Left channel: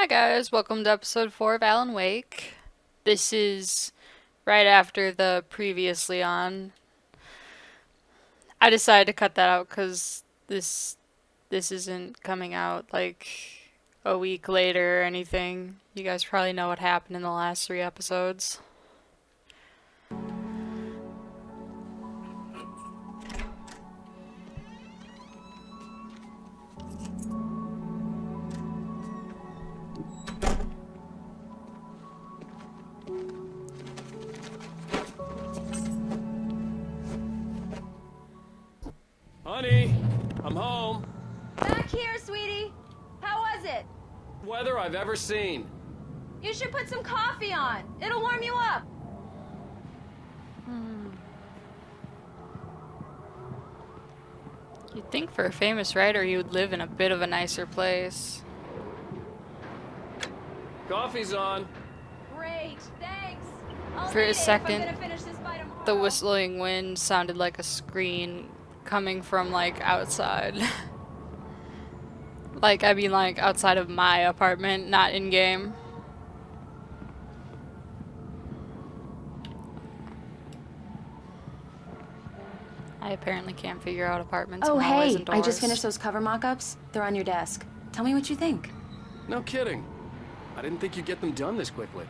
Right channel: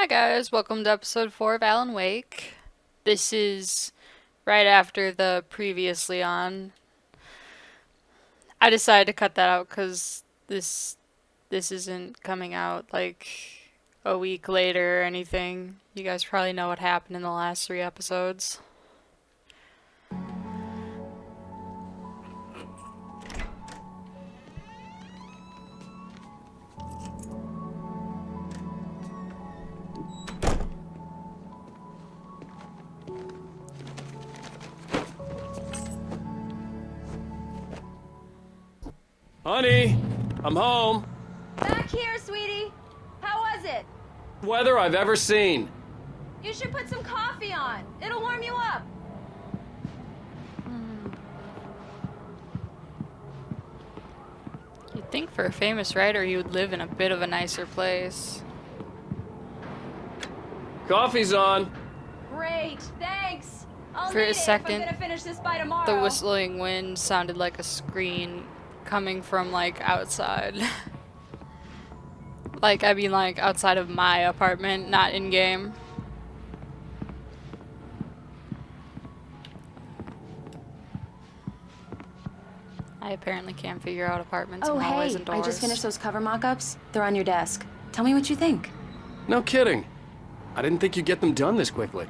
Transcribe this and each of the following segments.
Hi guys, welcome to episode 4 of Alan Wake. This is right after the previously on. I decided to cut that out because this isn't coming out like a week later or anything. You guys probably know what happened in the last 3 episodes. Honey, I'm home. Back here, sweetie. How was it? Weather I've ever seen. You should put some coffee on. It'll warm you up. You'd think for a famous writer he would live in a bit of a nicer place. Coffee's on. Great, thanks. I'll For need a it if second, I'm gonna finish this by tomorrow. The whistling wind sounded like a screen coming from like outside. Like outside of my apartment, not in game. I apparently can't figure out apartments Oh, and hallways hey, and doors. I just finished those cover mock-ups. They're on your desk. Tell me what you think. No kidding. I didn't think you'd get them done this quickly.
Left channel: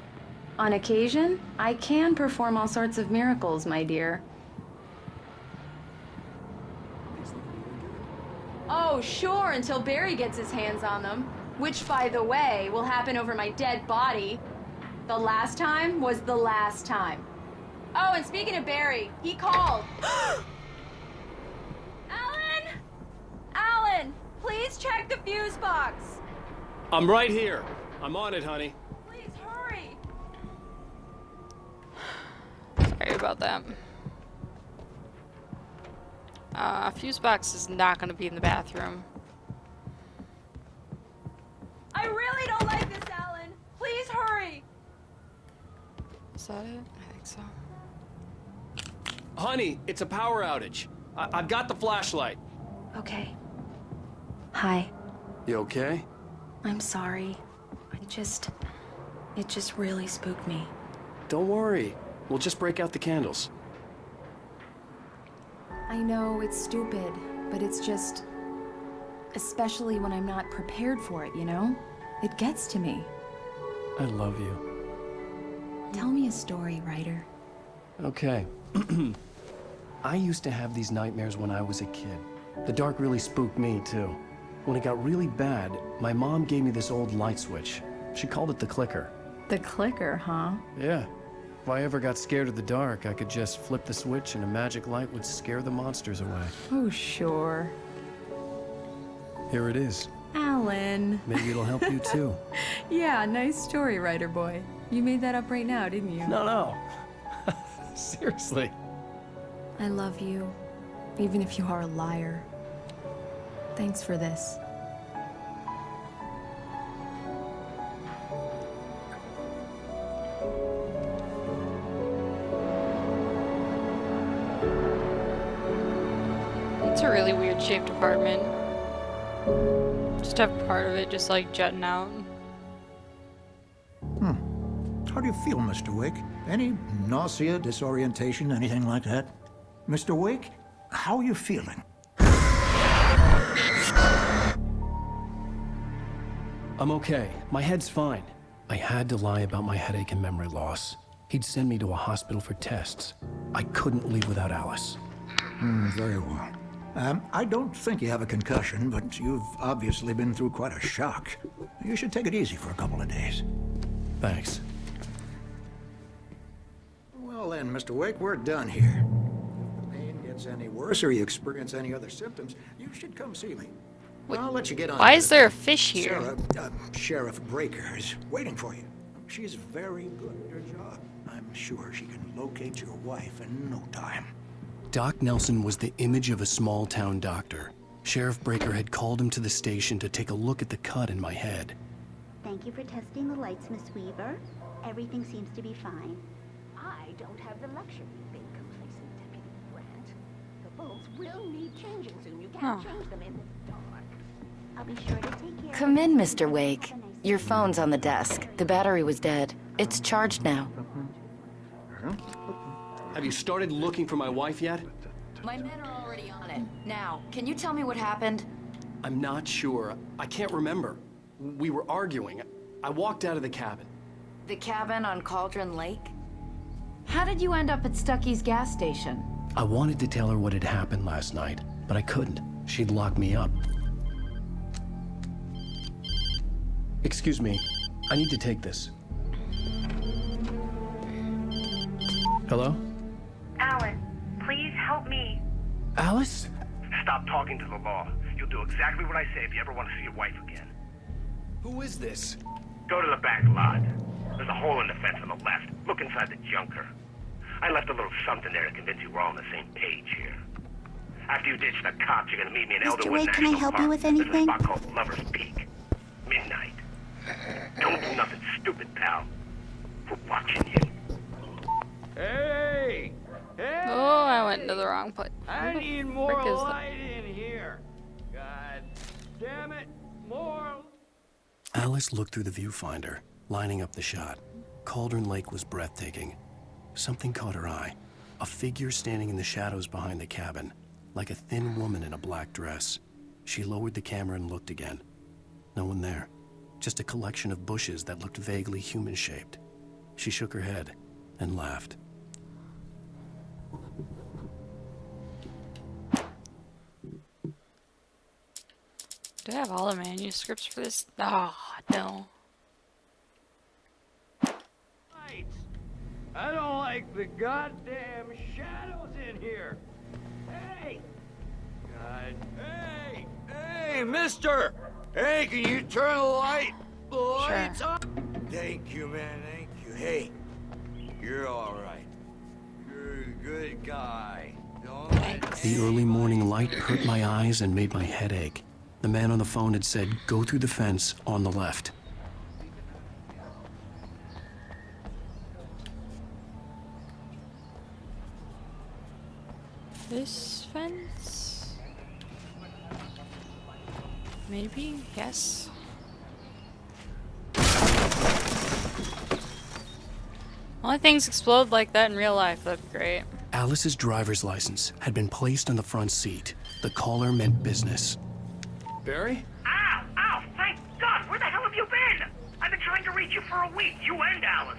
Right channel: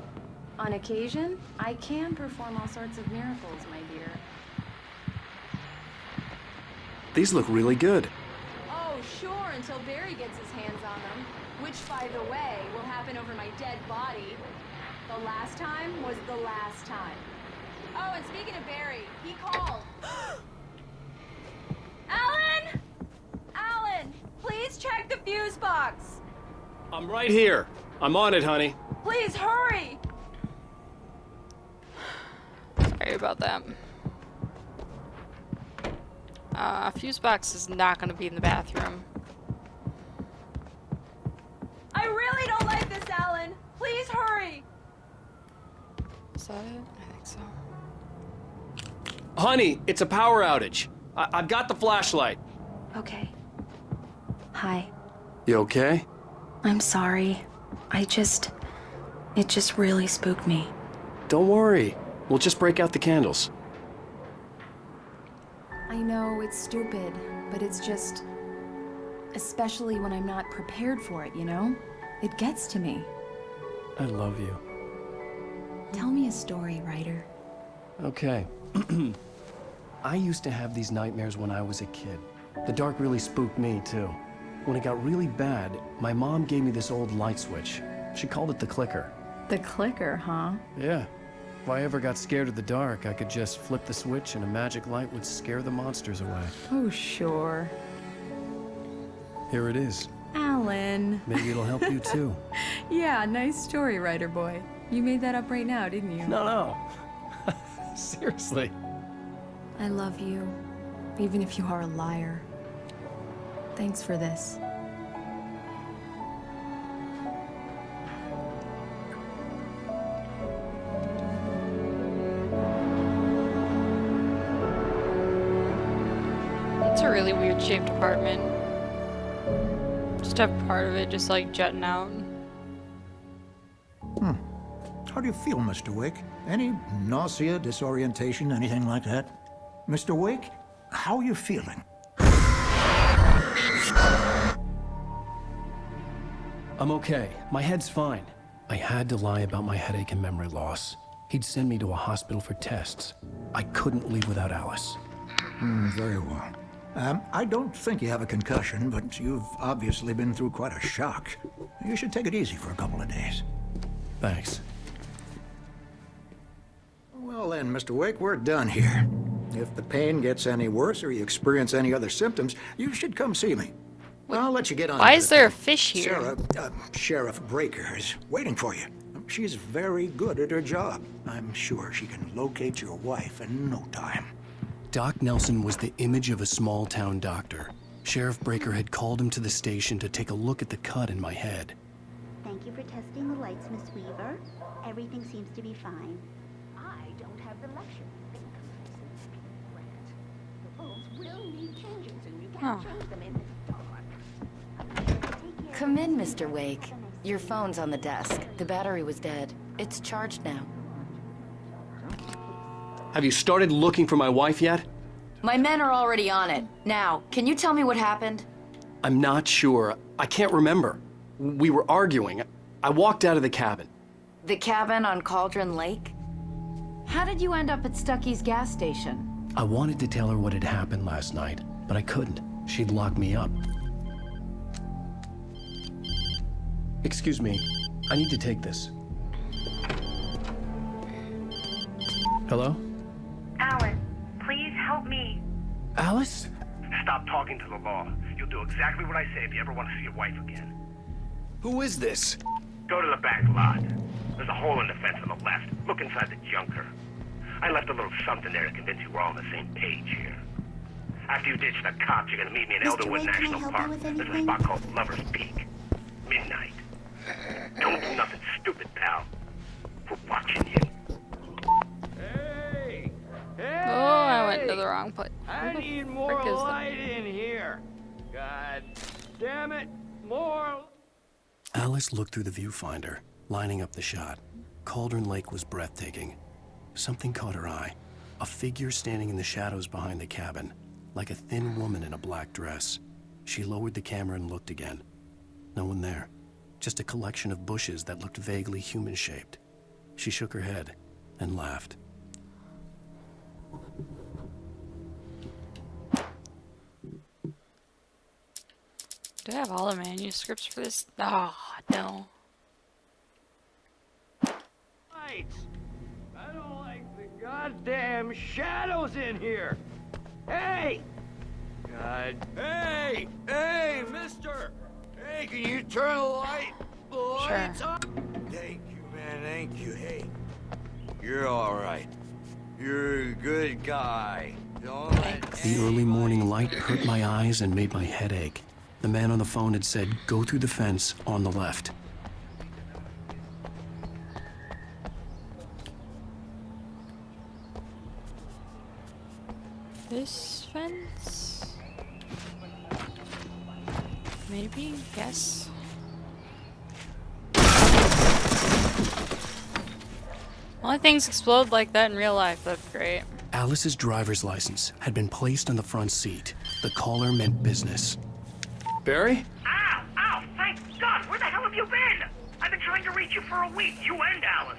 On occasion, I can perform all sorts of miracles, my dear. These look really good. Oh, sure, until Barry gets his hands on them. Which, by the way, will happen over my dead body. The last time was the last time. Oh, and speaking of Barry, he called. Alan! Alan! Please check the fuse box. I'm right here. I'm on it, honey. Please hurry! Sorry about that. Fuse box is not going to be in the bathroom. I really don't want this, Alan. Please hurry! Is that it? I think so. Honey, it's a power outage. I've got the flashlight. Okay. Hi. You okay? I'm sorry. It just really spooked me. Don't worry. We'll just break out the candles. I know it's stupid, but it's just... Especially when I'm not prepared for it, you know? It gets to me. I love you. Tell me a story, writer. Okay. I used to have these nightmares when I was a kid. The dark really spooked me, too. When it got really bad, my mom gave me this old light switch. She called it the clicker. The clicker, huh? Yeah. If I ever got scared of the dark, I could just flip the switch and a magic light would scare the monsters away. Oh, sure. Here it is. Alan. Maybe it'll help you too. Yeah, nice story, writer boy. You made that up right now, didn't you? No. Seriously. I love you, even if you are a liar. Thanks for this. It's a really weird shaped apartment. Just have part of it just like jutting out. How do you feel, Mr. Wake? Any nausea, disorientation, anything like that? Mr. Wake, how are you feeling? I'm okay. My head's fine. I had to lie about my headache and memory loss. He'd send me to a hospital for tests. I couldn't leave without Alice. Very well. I don't think you have a concussion, but you've obviously been through quite a shock. You should take it easy for a couple of days. Thanks. Well then, Mr. Wake, we're done here. If the pain gets any worse or you experience any other symptoms, you should come see me. I'll let you get on. Why with is it, there a though. fish here? Sarah, Sheriff Breaker is waiting for you. She's very good at her job. I'm sure she can locate your wife in no time. Doc Nelson was the image of a small-town doctor. Sheriff Breaker had called him to the station to take a look at the cut in my head. Huh. Come in, Mr. Wake. Your phone's on the desk. The battery was dead. It's charged now. Have you started looking for my wife yet? My men are already on it. Now, can you tell me what happened? I'm not sure. I can't remember. We were arguing. I walked out of the cabin. The cabin on Cauldron Lake? How did you end up at Stucky's gas station? I wanted to tell her what had happened last night, but I couldn't. She'd lock me up. Excuse me. I need to take this. Hello? Alan, please help me. Alice? Stop talking to the law. You'll do exactly what I say if you ever want to see your wife again. Who is this? Go to the back lot. There's a hole in the fence on the left. Look inside the junker. I left a little something there to convince you we're all on the same page here. After you ditch the cops, you're gonna meet me in Mr. Elderwood Wake, can I National help you Park. with There's a anything? spot called Lover's Peak. Midnight. Don't do nothing stupid, pal. We're watching you. Hey! Oh, I went into the wrong place. Who the frick is that? In here. God damn it. More. Alice looked through the viewfinder, lining up the shot. Cauldron Lake was breathtaking. Something caught her eye. A figure standing in the shadows behind the cabin, like a thin woman in a black dress. She lowered the camera and looked again. No one there. Just a collection of bushes that looked vaguely human-shaped. She shook her head and laughed. Do I have all the manuscripts for this? Oh, no. I don't like the goddamn shadows in here. Hey! God. Hey! Hey, mister! Hey, can you turn the light? Sure. Thank you, man. Thank you. Hey, you're all right. You're a good guy. Thanks. The early morning light hurt my eyes and made my head ache. The man on the phone had said, "Go through the fence on the left." This fence? Maybe? Yes. Only things explode like that in real life, that'd be great. Alice's driver's license had been placed on the front seat. The caller meant business. Barry? Ow! Ow! Thank God! Where the hell have you been? I've been trying to reach you for a week. You and Alice.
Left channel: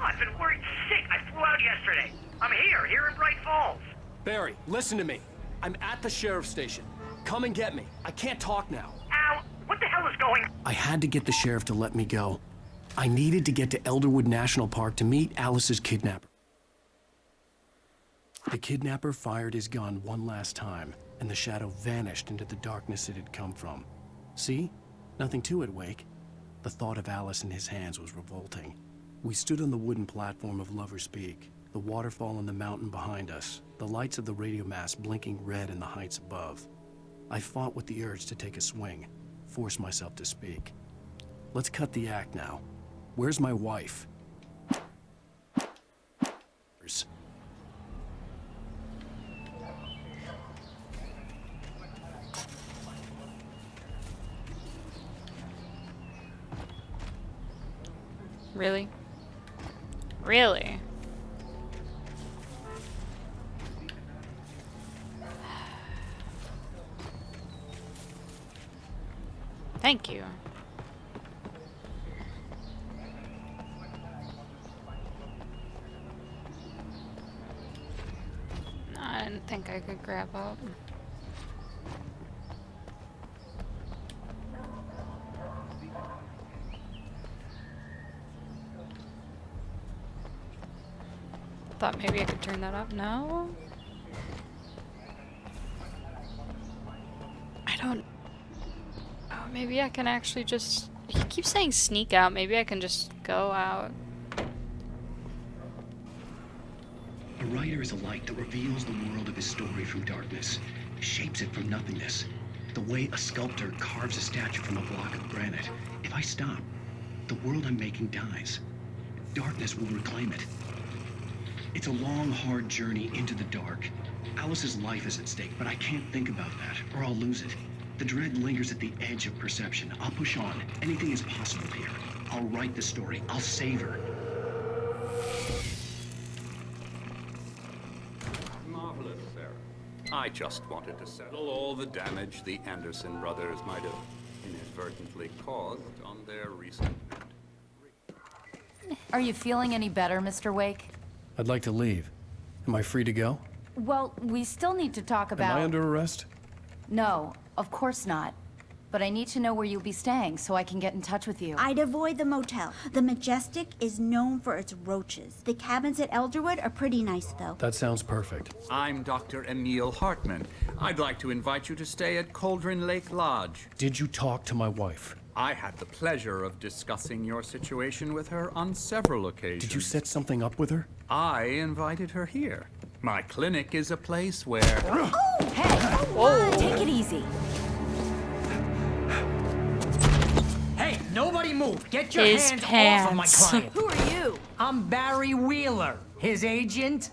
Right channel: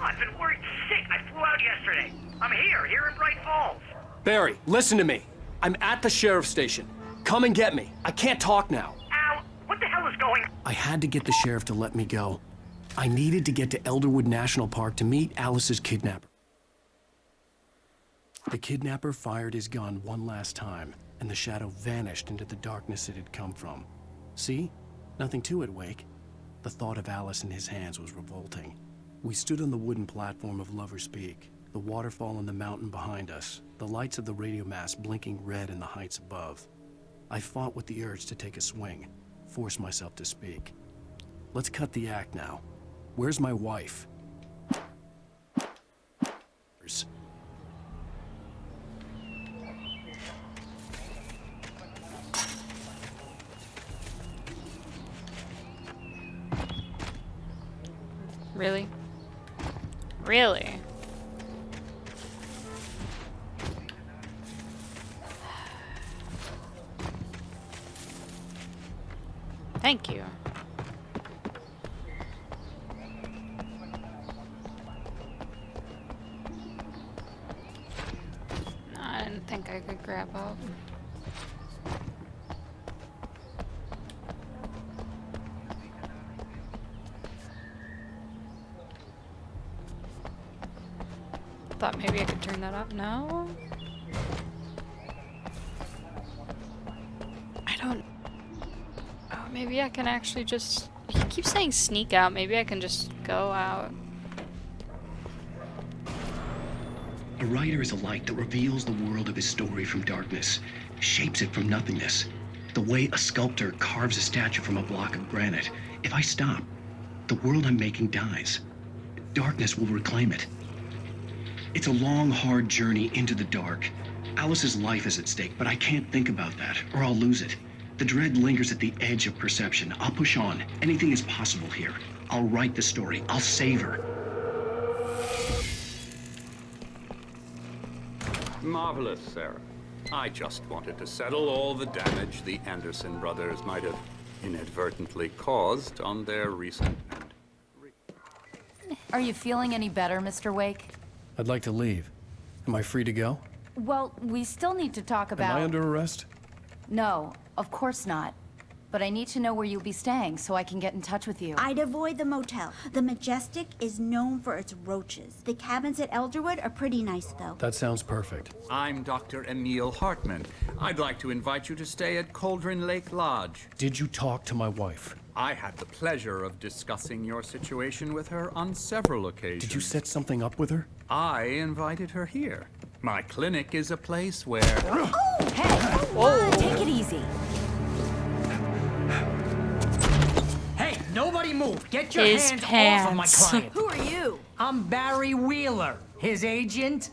Oh, I've been worried sick. I flew out yesterday. I'm here in Bright Falls. Barry, listen to me. I'm at the sheriff's station. Come and get me. I can't talk now. Al, what the hell is going on? I had to get the sheriff to let me go. I needed to get to Elderwood National Park to meet Alice's kidnapper. The kidnapper fired his gun one last time, and the shadow vanished into the darkness it had come from. See? Nothing to it, Wake. The thought of Alice in his hands was revolting. We stood on the wooden platform of Lover's Peak, the waterfall on the mountain behind us, the lights of the radio mast blinking red in the heights above. I fought with the urge to take a swing, force myself to speak. Let's cut the act now. Where's my wife? Really? Really? Thank you. No, I didn't think I could grab up. Thought maybe I could turn that up. No? I don't... Oh, maybe I can actually just... He keeps saying sneak out. Maybe I can just go out. A writer is a light that reveals the world of his story from darkness, shapes it from nothingness. The way a sculptor carves a statue from a block of granite. If I stop, the world I'm making dies. Darkness will reclaim it. It's a long, hard journey into the dark. Alice's life is at stake, but I can't think about that, or I'll lose it. The dread lingers at the edge of perception. I'll push on. Anything is possible here. I'll write the story. I'll save her. Marvelous, Sarah. Wanted to settle all the damage the Anderson brothers might have inadvertently caused on their recent... Are you feeling any better, Mr. Wake? I'd like to leave. Am I free to go? Well, we still need to talk about... Am I under arrest? No, of course not. But I need to know where you'll be staying so I can get in touch with you. I'd avoid the motel. The Majestic is known for its roaches. The cabins at Elderwood are pretty nice, though. That sounds perfect. I'm Dr. Emil Hartman. I'd like to invite you to stay at Cauldron Lake Lodge. Did you talk to my wife? I had the pleasure of discussing your situation with her on several occasions. Did you set something up with her? I invited her here. My clinic is a place where... Oh, hey! Take it easy. Hey, nobody move! Get your His hands off of my pants. client! Who are you? I'm Barry Wheeler, his agent.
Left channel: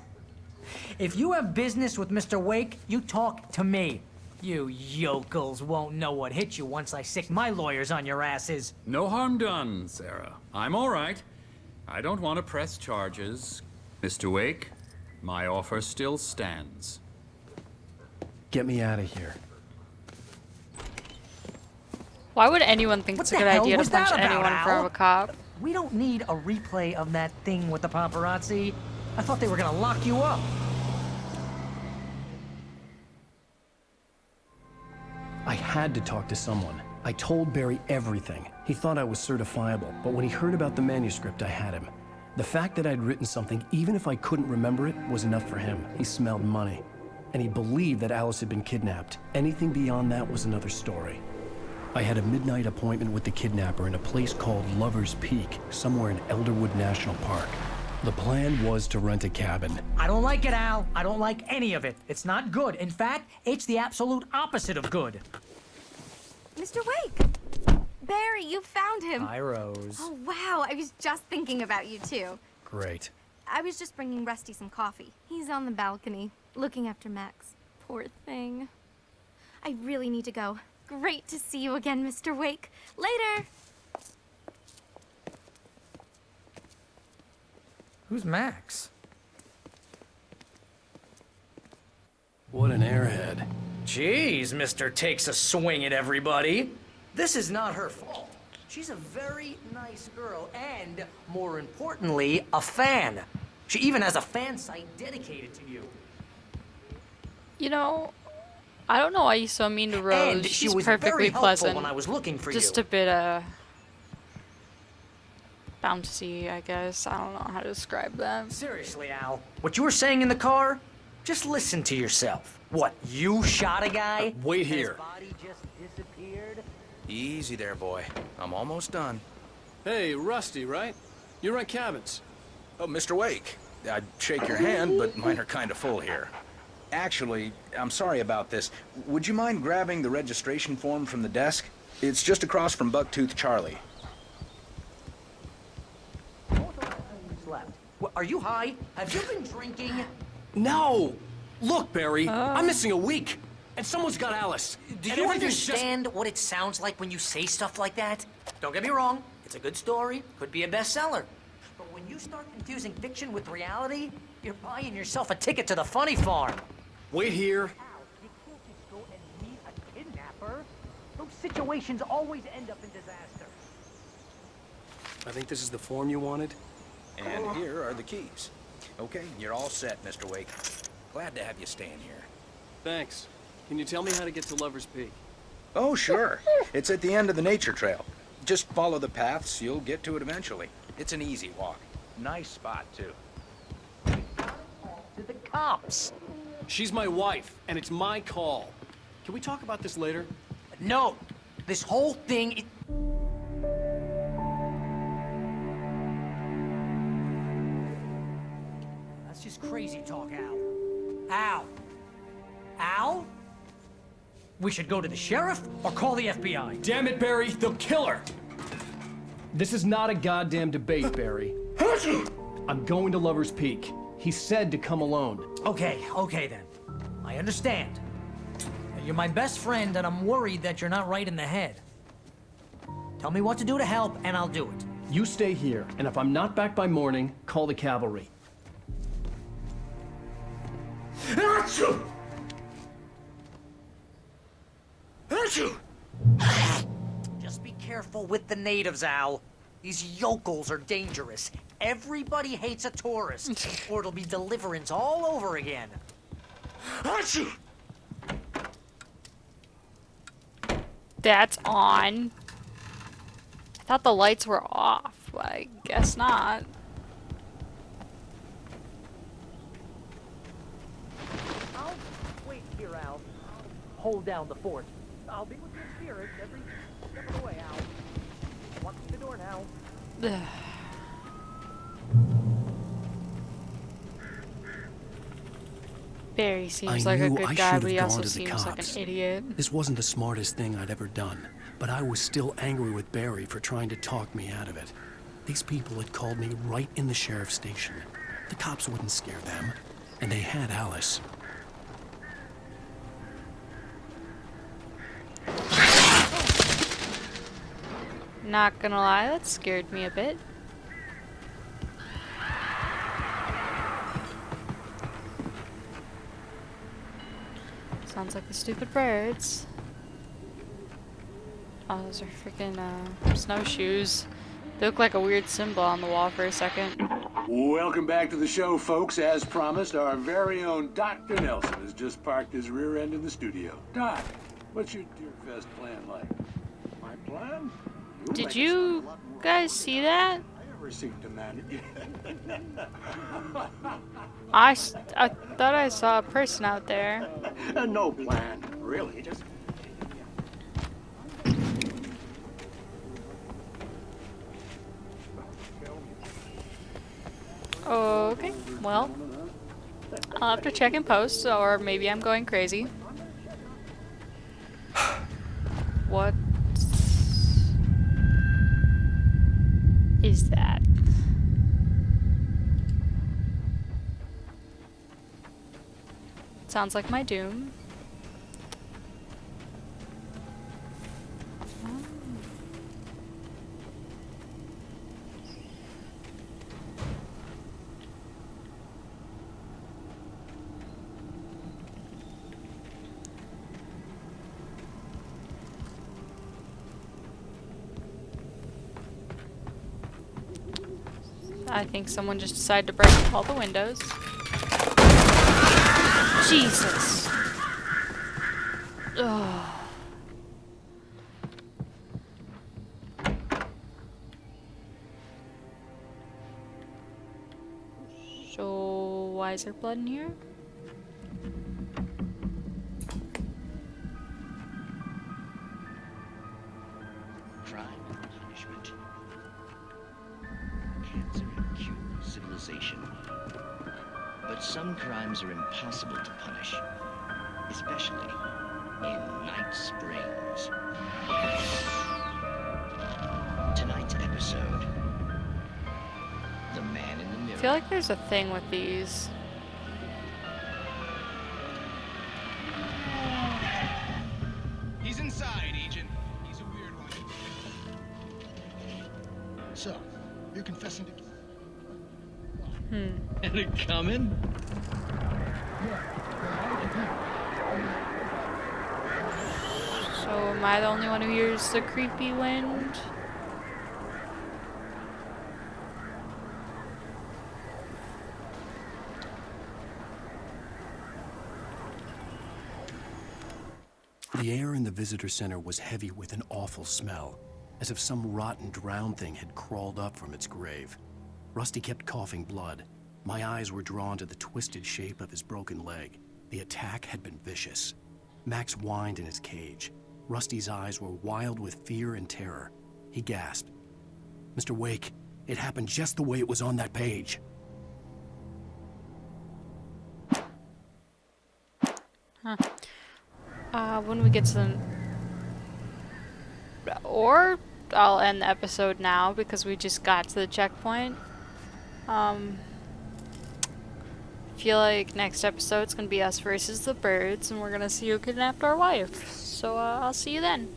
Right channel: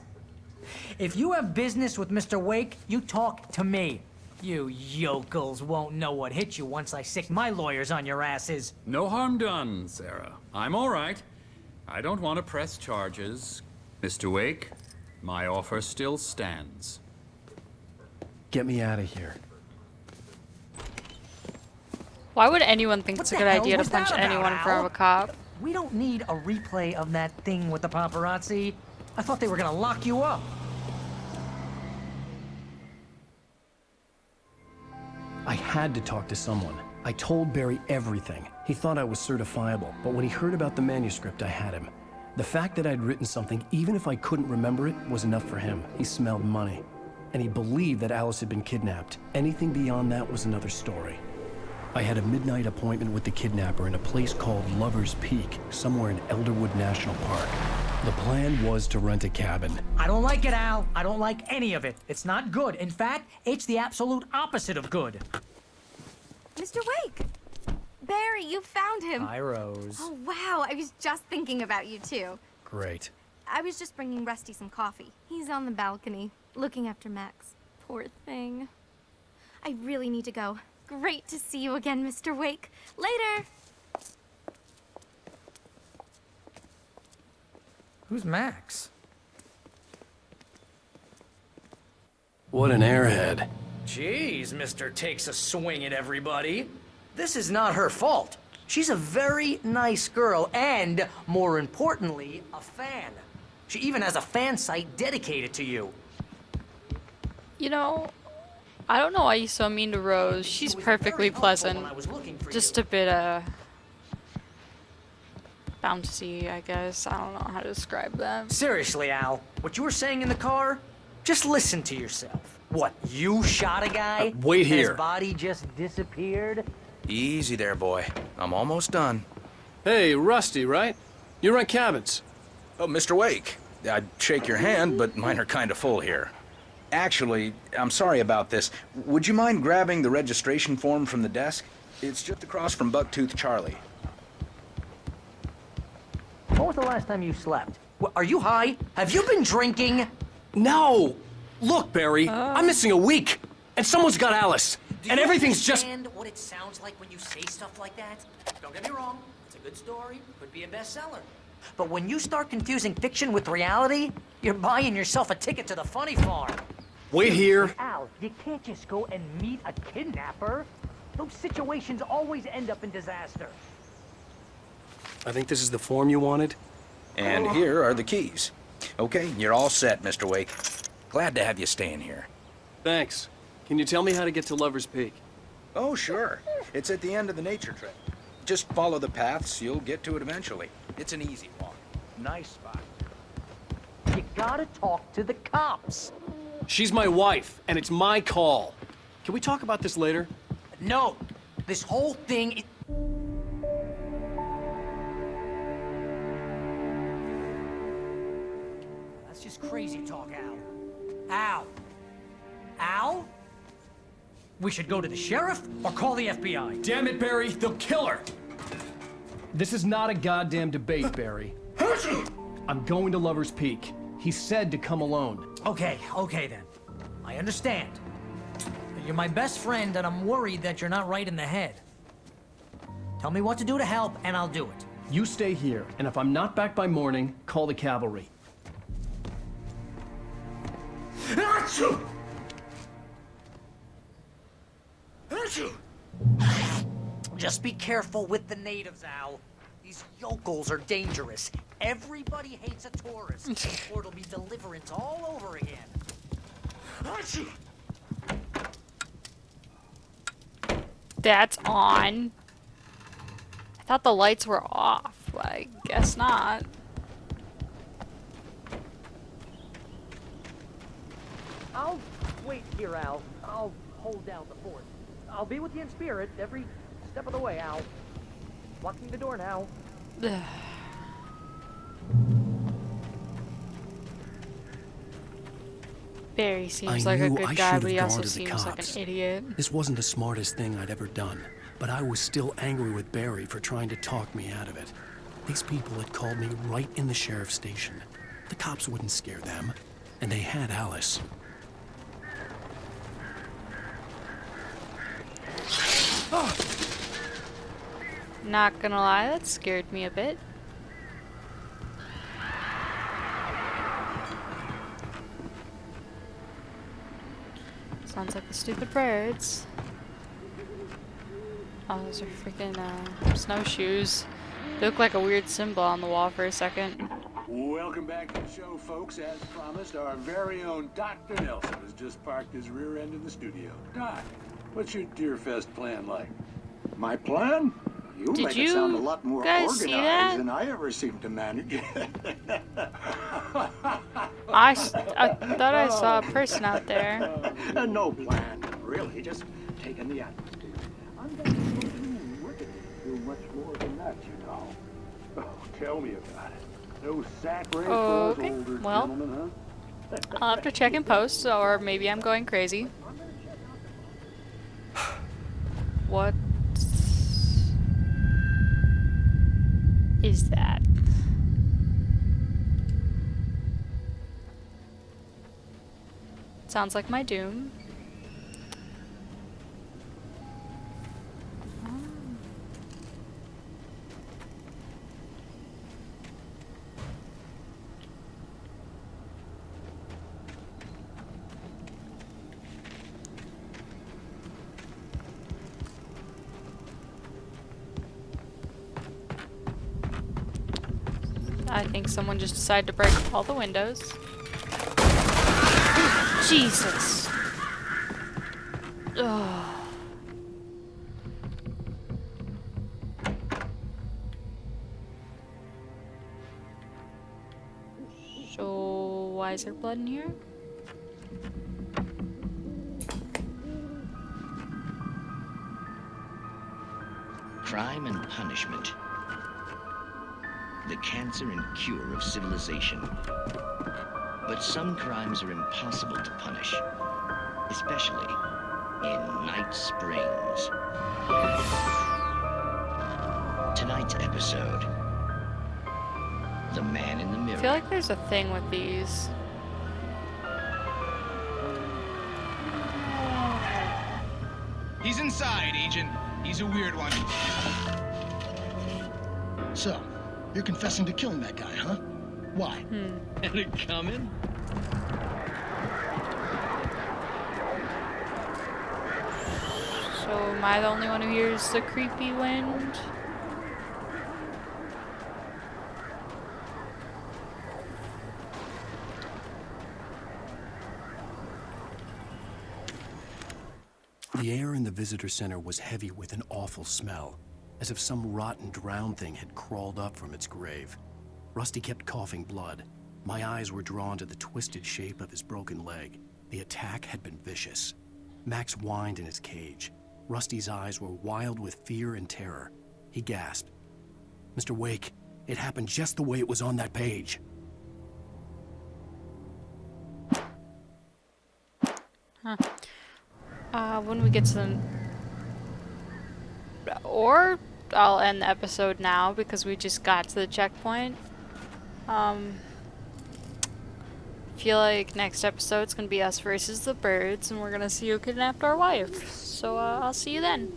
If you have business with Mr. Wake, you talk to me. You yokels won't know what hit you once I sick my lawyers on your asses. No harm done, Sarah. I'm all right. I don't want to press charges. Mr. Wake, my offer still stands. Get me out of here. Why would anyone think What it's a the good hell idea to was that punch about, anyone in front Al? of a cop? We don't need a replay of that thing with the paparazzi. I thought they were gonna lock you up. I had to talk to someone. I told Barry everything. He thought I was certifiable, but when he heard about the manuscript, I had him. The fact that I'd written something, even if I couldn't remember it, was enough for him. He smelled money. And he believed that Alice had been kidnapped. Anything beyond that was another story. I had a midnight appointment with the kidnapper in a place called Lover's Peak, somewhere in Elderwood National Park. The plan was to rent a cabin. I don't like it, Al. I don't like any of it. It's not good. In fact, it's the absolute opposite of good. Mr. Wake! Barry, you found him! Hi, Rose. Oh, wow, I was just thinking about you, too. Great. I was just bringing Rusty some coffee. He's on the balcony, looking after Max. Poor thing. I really need to go. Great to see you again, Mr. Wake. Later! Who's Max? What an airhead. Jeez, Mr. Takes a swing at everybody. This is not her fault. She's a very nice girl and, more importantly, a fan. She even has a fan site dedicated to you. You know, I don't know why he's so mean to Rose. And she She's was very perfectly helpful pleasant. when I was looking for Just you. a bit, bouncy, I guess. I don't know how to describe that. Seriously, Al, what you were saying in the car, just listen to yourself. Wait here. His body just disappeared. Easy there, boy. I'm almost done. Hey, Rusty, right? You rent cabins. Oh, Mr. Wake. I'd shake your hand, but mine are kind of full here. Actually, I'm sorry about this. Would you mind grabbing the registration form from the desk? It's just across... When was the last time you slept? Are you high? Have you been drinking? No! Look, Barry, I'm missing a week. And someone's got Alice. And everything's just... understand what it sounds like when you say stuff like that? Don't get me wrong. It's a good story. Could be a bestseller. But when you start confusing fiction with reality, you're buying yourself a ticket to the funny farm. Wait here. Al, you can't just go and meet a kidnapper. Those situations always end up in disaster. I think this is the form you wanted. And here are the keys. Okay, you're all set, Mr. Wake. Glad to have you staying here. Thanks. Can you tell me how to get to Lover's Peak? Oh, sure. It's at the end of the nature trail. Just follow the path. It's an easy walk. Spot, too. You gotta talk to the cops. She's my wife, and it's my call. Can we talk about this later? That's just crazy talk, Al. Al? Al? We should go to the sheriff or call the FBI. Damn it, Barry, they'll kill her. This is not a goddamn debate, Barry. I'm going to Lover's Peak. He said to come alone. Okay then. I understand. You're my best friend, and I'm worried that you're not right in the head. Tell me what to do to help, and I'll do it. You stay here, and if I'm not back by morning, call the cavalry. Achoo! Achoo! Just be careful with the natives, Al. These yokels are dangerous. Everybody hates a tourist, or it'll be deliverance all over again. Achoo! That's on. I thought the lights were off, but I guess not. I'll wait here, Al. I'll hold down the fort. I'll be with you in spirit every step of the way, Al. Locking the door now. Barry seems I like a knew good I guy, should but he have also gone to the seems like cops. an idiot. This wasn't the smartest thing I'd ever done, but I was still angry with Barry for trying to talk me out of it. These people had called me right in the sheriff's station. The cops wouldn't scare them, and they had Alice. Not gonna lie, that scared me a bit. Sounds like the stupid birds. Oh, those are freaking snowshoes. They look like a weird symbol on the wall for a second. Welcome back to the show, folks. As promised, our very own Dr. Nelson has just parked his rear end in the studio. Doc, what's your Deer Fest plan like? My plan? You Did make it sound a you lot more guys see organized that? than I ever seemed to manage. I thought I saw a person out there. Tell me about it. No sack race. Okay, well, I'll have to check in post, or maybe I'm going crazy. What is that? Sounds like my doom. I think someone just decided to break all the windows. Jesus. Ugh. So, why is there blood in here? Crime and punishment. The cancer and cure of civilization. But some crimes are impossible to punish, especially in Night Springs. Tonight's episode, The Man in the I Mirror. feel like there's a thing with these. He's inside, Agent. He's a weird one. So, you're confessing to killing that guy, huh? Why? So am I the only one who hears the creepy wind? The air in the visitor center was heavy with an awful smell, as if some rotten drowned thing had crawled up from its grave. Rusty kept coughing blood. My eyes were drawn to the twisted shape of his broken leg. The attack had been vicious. Max whined in his cage. Rusty's eyes were wild with fear and terror. He gasped. "Mr. Wake, it happened just the way it was on that page." Huh. When we get to the... Or I'll end the episode now because we just got to the checkpoint. feel like next episode's gonna be us versus the birds, and we're gonna see who kidnapped our wife. So, I'll see you then.